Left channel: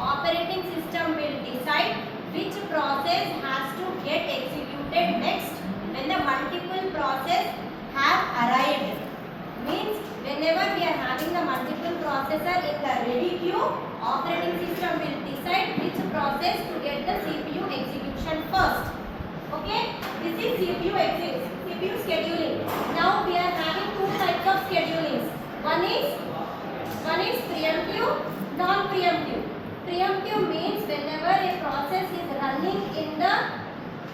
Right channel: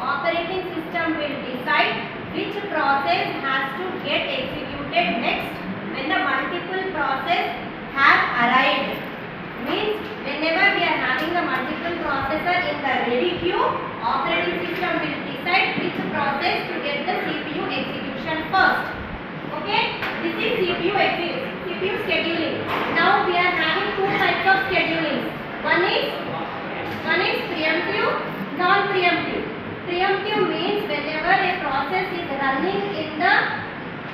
operating system will decide which process has to get executed next when the multiple process have arrived. Means whenever we are having the multiple processor in the ready queue, operating system will decide which process to get the CPU execution first. Okay, this is CPU scheduling. Now we are having two types of schedulings. One is preemptive, non-preemptive. Preemptive means whenever a process is running in the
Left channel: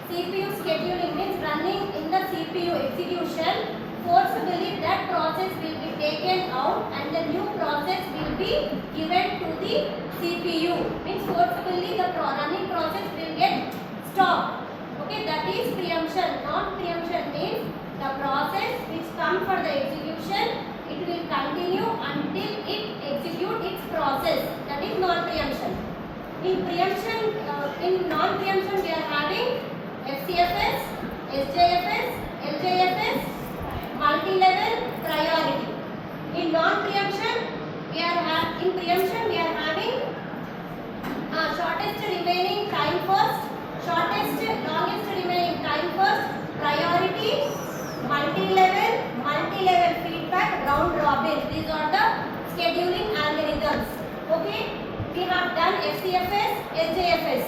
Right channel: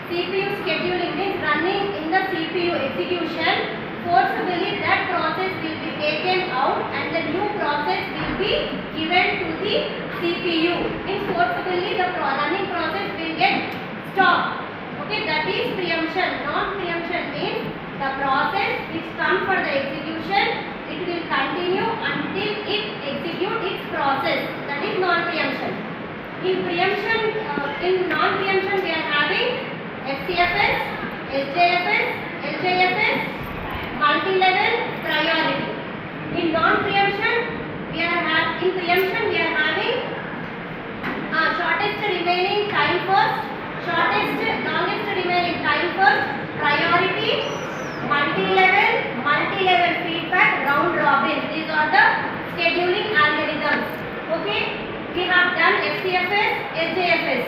CPU scheduling, means running in the CPU execution, forcibly that process will be taken out and the new process will be given to the CPU. Means forcibly the running process will get stopped. Okay, that is preemption. Non-preemption means the process which comes for the execution, it will continue until it executes its process. That is non-preemption. In non-preemption we are having SJFS, SJFS, LJFS, multi-level priority. In non-preemption we are having shortest remaining time first, longest remaining time first, priority, multi-level feedback, round robin. These are the scheduling algorithms. Okay, we have done SJFS, SJFS.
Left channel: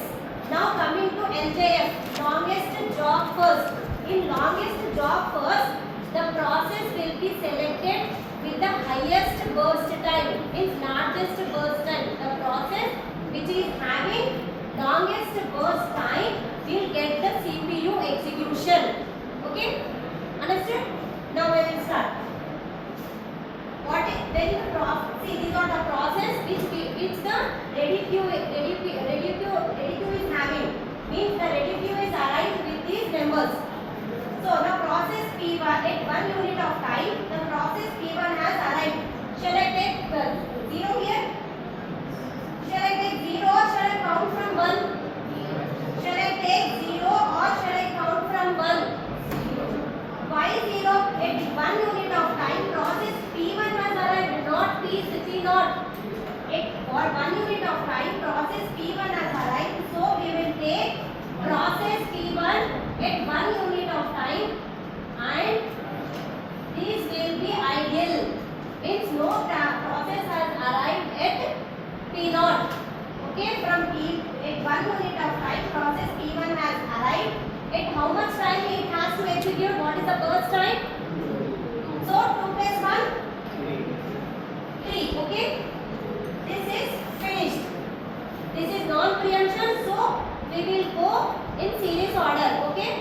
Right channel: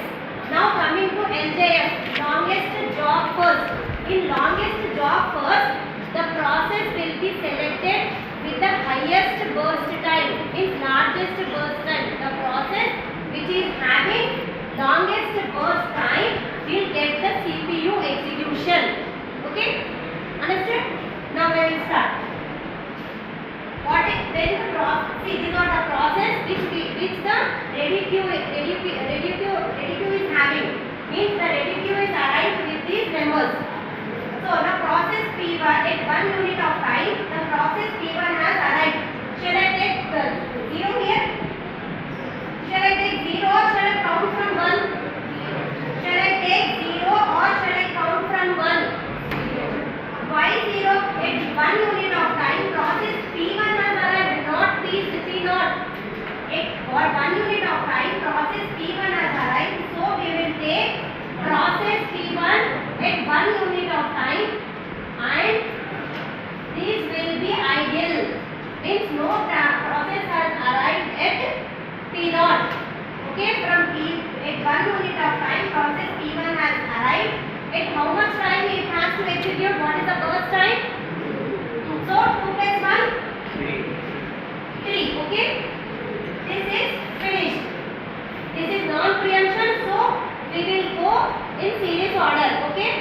Now coming to LJF, longest job first. In longest job first, the process will be selected with the highest burst time, means largest burst time. The process which is having longest burst time will get the CPU execution. Okay, understood? Now we will start. These are the process which the ready queue is having. Means the ready queue is arrived with these members. So the process P1 at 1 unit of time, the process P1 has arrived. Shall I take 0 here? Shall I take 0 or shall I count from 1? Shall I take 0 or shall I count from 1? Why 0? At 1 unit of time, process P1 has arrived, not P0. For 1 unit of time, process P1 has arrived. So we will take process P1 at 1 unit of time and this will be ideal. Means no process has arrived at P0. Okay, from at 1 unit of time, process P1 has arrived. At how much time it has to execute? What is the burst time? So 2 plus 1? 3. Okay, this is finished. This is non-preemption, so we will go in series order. Okay,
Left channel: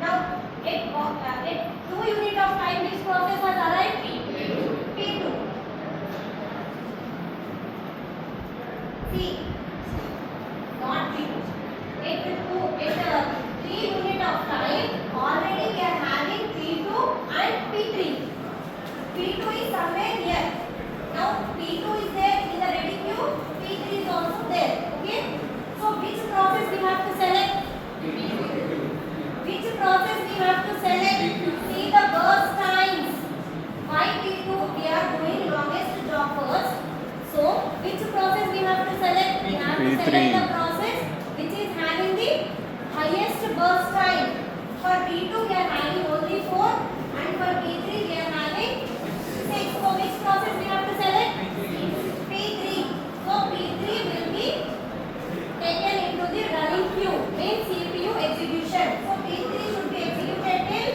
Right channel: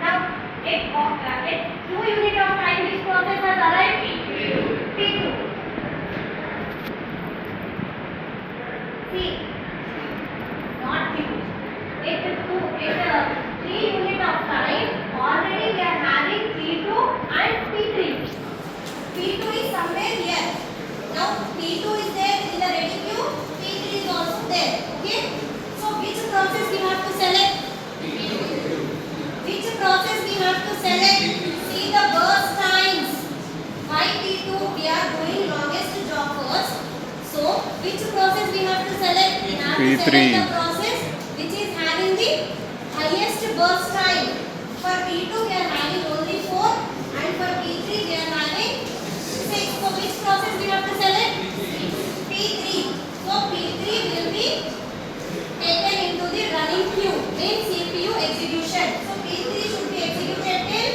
now at 2 unit of time, this process has arrived. P2. See, not P2. At 3 unit of time, already we are having P2 and P3. P2 is somewhere here. Now P2 is there in the ready queue. P3 is also there. Okay. So which process we have to select? Which process we have to select? See the burst times. Why P2? We are doing longest job first. So which process we have to select? We have to select the process which is having the highest burst time. For P2 we are having only 4 and for P3 we are having 6. So which process we have to select? P3. So P3 will be taken into the running queue in CPU execution. So P3 should be executed till,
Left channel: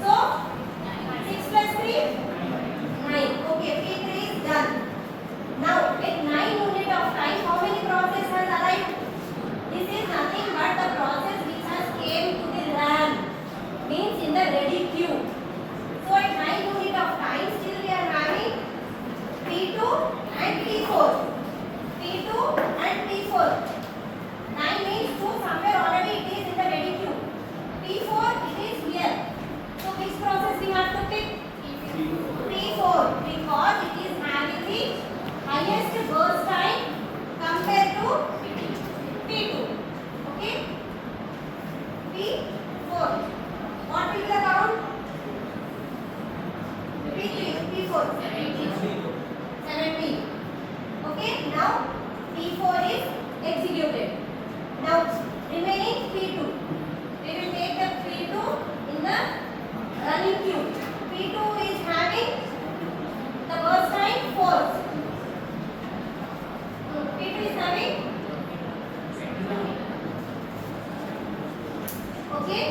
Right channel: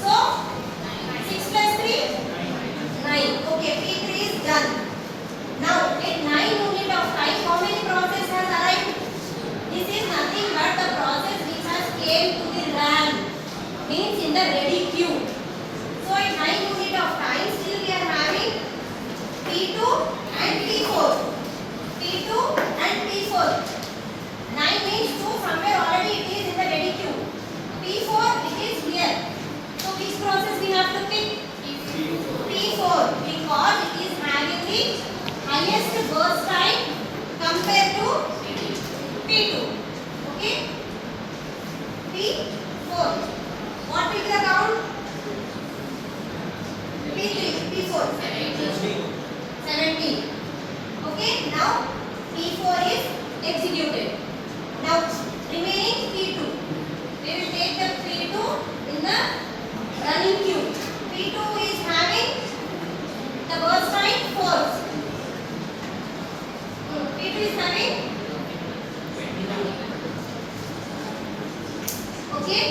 so 6 plus 3? 9. Okay, P3 is done. Now at 9 unit of time, how many process has arrived? This is nothing but the process which has came to the RAM, means in the ready queue. So at 9 unit of time, still we are having P4. P2 is having. Okay.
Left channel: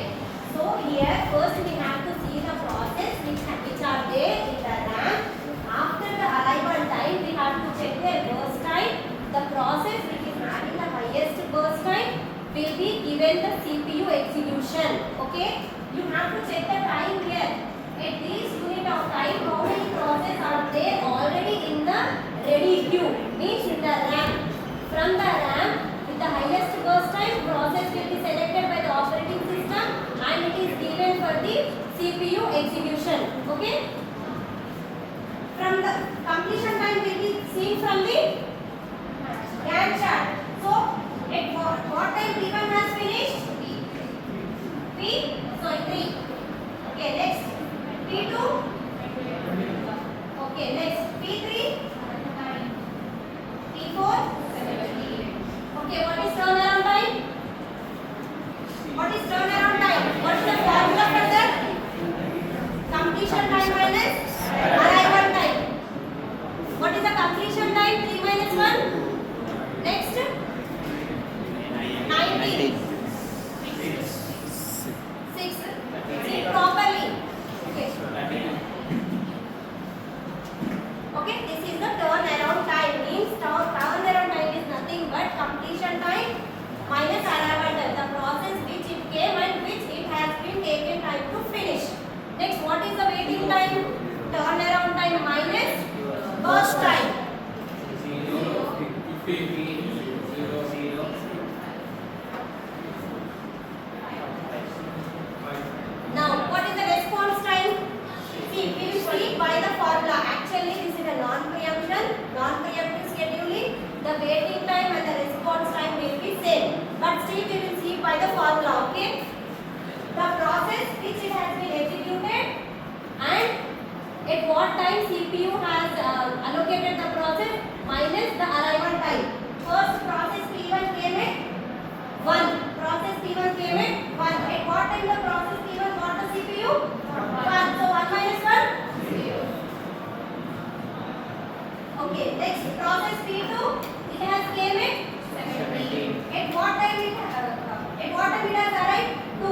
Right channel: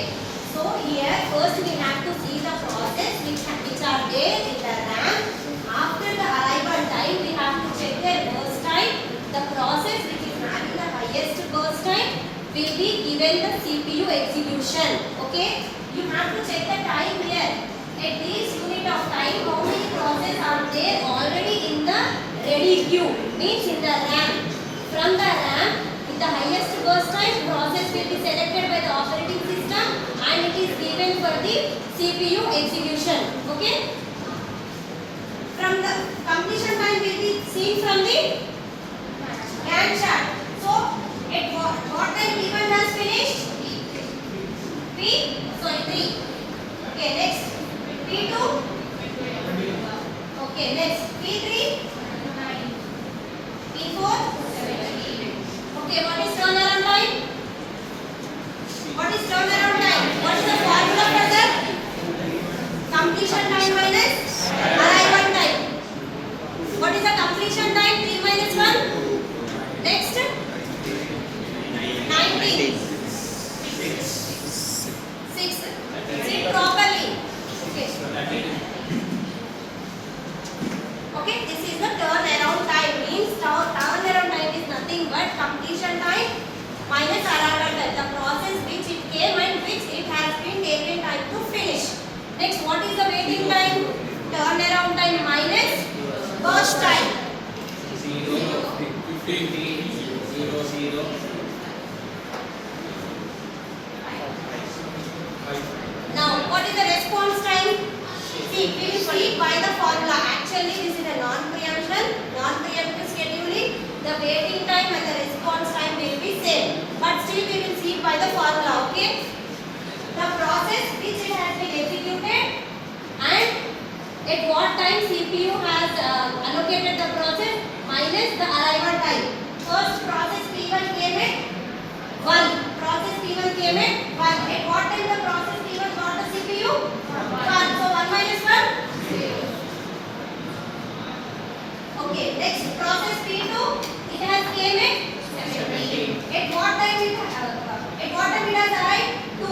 So here first we have to see the process which are there in the RAM. After the arrival time, we have to check their burst time. The process which is having the highest burst time will be given the CPU execution. Okay. You have to check the time here. At this unit of time, how many processes are there already in the ready queue? Means in the RAM. From the RAM, with the highest burst time, process will be selected by the operating system and it is given for the CPU execution. Okay. From the completion time will be seen from the Gantt chart. So, at what time P1 has finished? 3. Okay, next P2. Okay, next P3. P4. Okay, what is turnaround time? What is turnaround time? What is the formula for that? Completion time minus arrival time. What is the completion time? 3 minus 1. Next 19. 6. Sit properly. Okay. Okay, this is the turnaround time. Means turnaround time is nothing but completion time minus arrival time. The process which it came and which it has been taken time to finish. Next, what is the waiting time? Turnaround time minus burst time. 15, 0, 0. Now, what is the response time? See, we will see by the formula. Actually, this is a non-preemptive scheduling. The waiting time and the response time will be same. But still, we will see by the formula. Okay? The process which it has been executed and at what time CPU has allocated the process minus the arrival time. First process P1 came at 1. Process P1 came at 1. At what time the process P1 got the CPU? 1. So 1 minus 1? 0. Okay, next process P2, it has came at 17. At what time it has arrived? 2.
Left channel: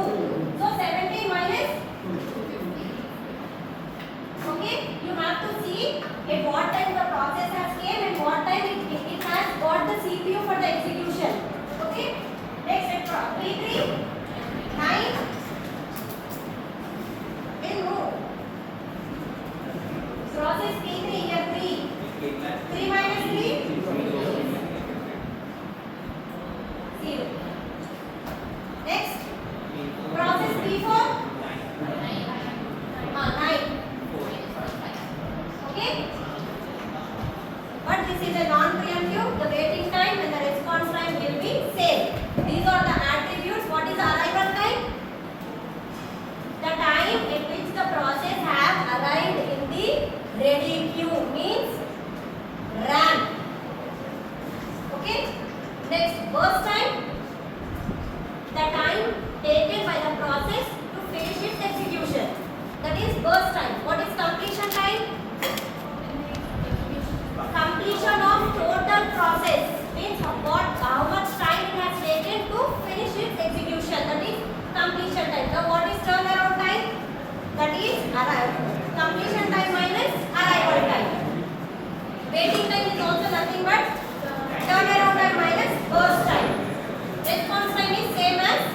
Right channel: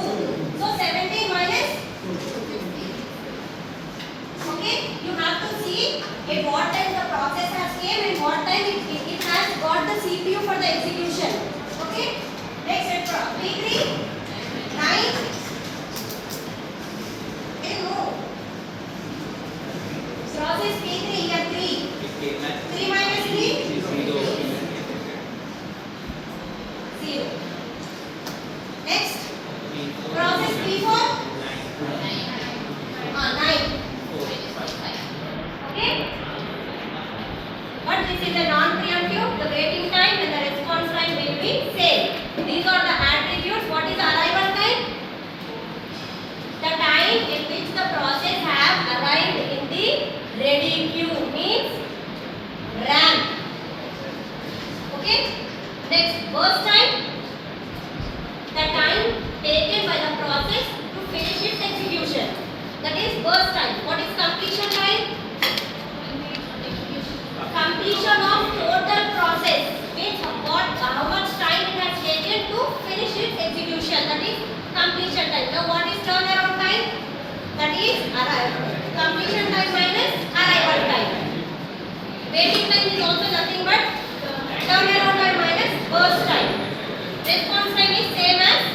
So 17 minus 50. Okay, you have to see at what time the process has came and what time it has got the CPU for the execution. Okay, next at P3, 9. Process P3 here 3. 3 minus 3? 0. Next, process P4? 9. Okay? But this is a non-preemptive. The waiting time and the response time will be same. These are the attributes. What is the arrival time? The time in which the process have arrived in the ready queue means RAM. Okay? Next, burst time. The time taken by the process to finish its execution. That is burst time. What is completion time? Completion of total process means how much time it has taken to finish its execution. That is completion time. Now what is turnaround time? That is completion time minus arrival time. Waiting time is also nothing but turnaround time minus burst time. Response time is same as